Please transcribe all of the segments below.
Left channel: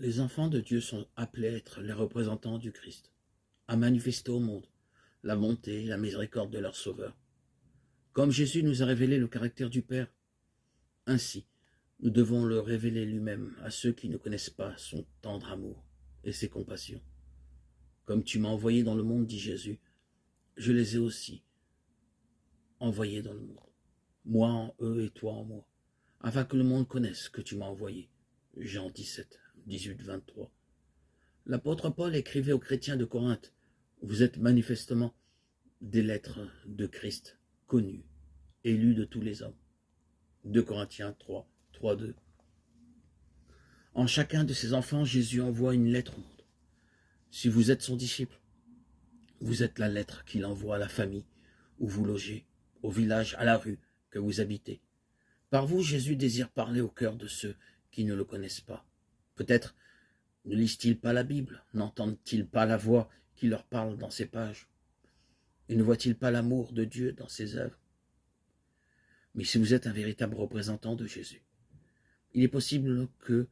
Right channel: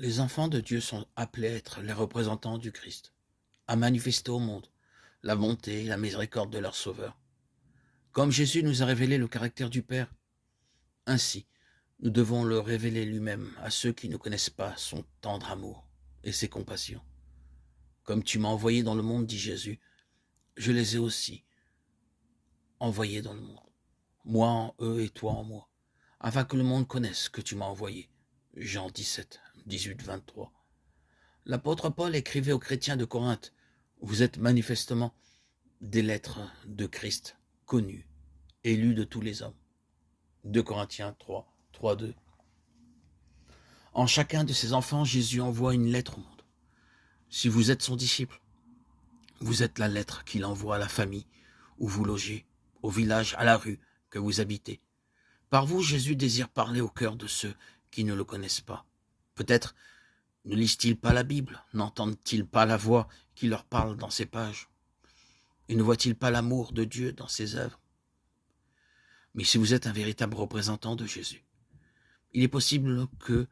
Les enfants de Dieu sont appelés à être les représentants du Christ, à manifester au monde la bonté et la miséricorde de leur Sauveur. Comme Jésus nous a révélé le caractère du Père, ainsi nous devons le révéler lui-même à ceux qui ne connaissent pas son tendre amour et ses compassions. Comme tu m'as envoyé dans le monde, dit Jésus, je les ai aussi envoyés dans le monde, moi en eux et toi en moi, afin que le monde connaisse que tu m'as envoyé. Jean 17, 18, 23. L'apôtre Paul écrivait aux chrétiens de Corinthe, vous êtes manifestement des lettres de Christ, connues, et lues de tous les hommes. 2 Corinthiens 3, 3, 2. En chacun de ses enfants, Jésus envoie une lettre au monde. Si vous êtes son disciple, vous êtes la lettre qu'il envoie à la famille où vous logez, au village, à la rue que vous habitez. Par vous, Jésus désire parler au cœur de ceux qui ne le connaissent pas. Peut-être ne lisent-ils pas la Bible, n'entendent-ils pas la voix qui leur parle dans ces pages, et ne voient-ils pas l'amour de Dieu dans ses œuvres? Mais si vous êtes un véritable représentant de Jésus, il est possible que,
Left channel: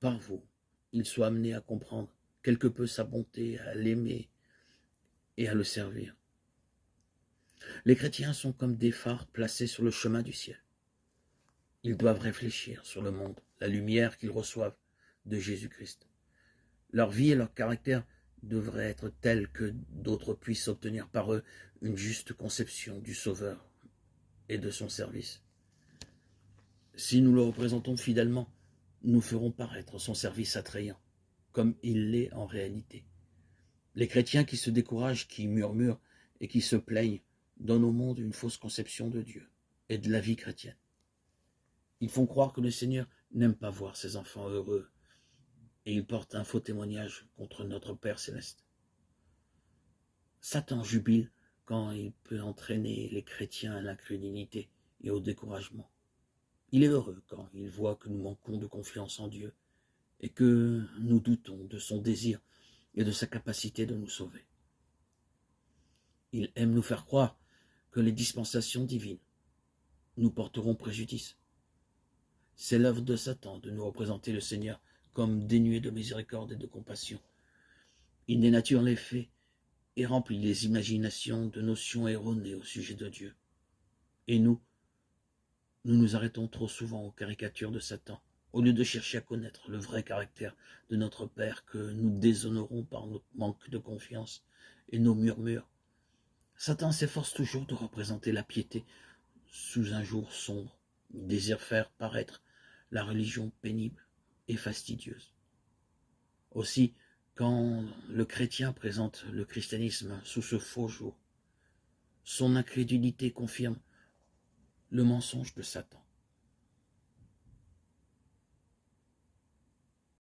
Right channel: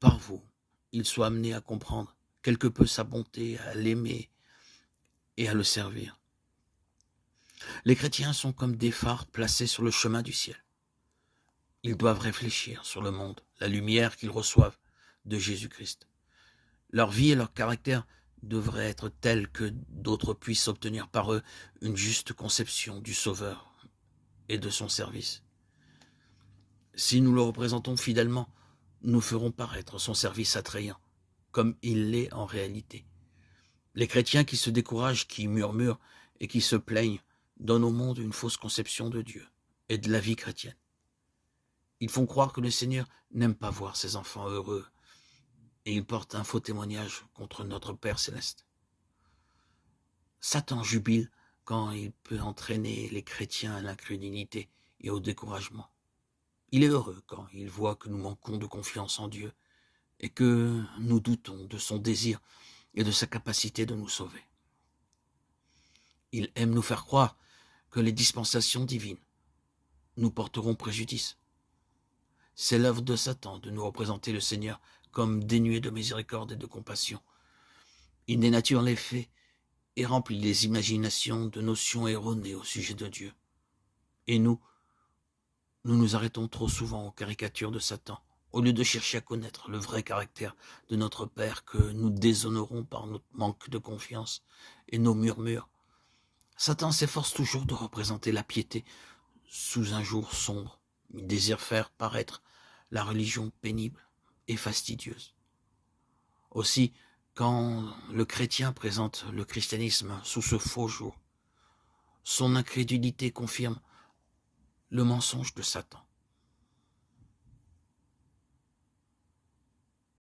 par vous, il soit amené à comprendre quelque peu sa bonté, à l'aimer et à le servir. Les chrétiens sont comme des phares placés sur le chemin du ciel. Ils doivent réfléchir sur le monde, la lumière qu'ils reçoivent de Jésus-Christ. Leur vie et leur caractère devraient être tels que d'autres puissent obtenir par eux une juste conception du Sauveur et de son service. Si nous le représentons fidèlement, nous ferons paraître son service attrayant, comme il l'est en réalité. Les chrétiens qui se découragent, qui murmurent et qui se plaignent donnent au monde une fausse conception de Dieu et de la vie chrétienne. Ils font croire que le Seigneur n'aime pas voir ses enfants heureux et ils portent un faux témoignage contre notre Père céleste. Satan jubile quand il peut entraîner les chrétiens à l'incrédulité et au découragement. Il est heureux quand il voit que nous manquons de confiance en Dieu et que nous doutons de son désir et de sa capacité de nous sauver. Il aime nous faire croire que les dispensations divines nous porteront préjudice. C'est l'œuvre de Satan de nous représenter le Seigneur comme dénué de miséricorde et de compassion. Il dénature les faits et remplit les imaginations de notions erronées au sujet de Dieu. Et nous nous arrêtons trop souvent aux caricatures de Satan, au lieu de chercher à connaître le vrai caractère de notre Père que nous déshonorons par notre manque de confiance et nos murmures. Satan s'efforce toujours de représenter la piété sous un jour sombre. Il désire faire paraître la religion pénible et fastidieuse. Aussi, quand le chrétien présente le christianisme sous ce faux jour, son incrédulité confirme le mensonge de Satan.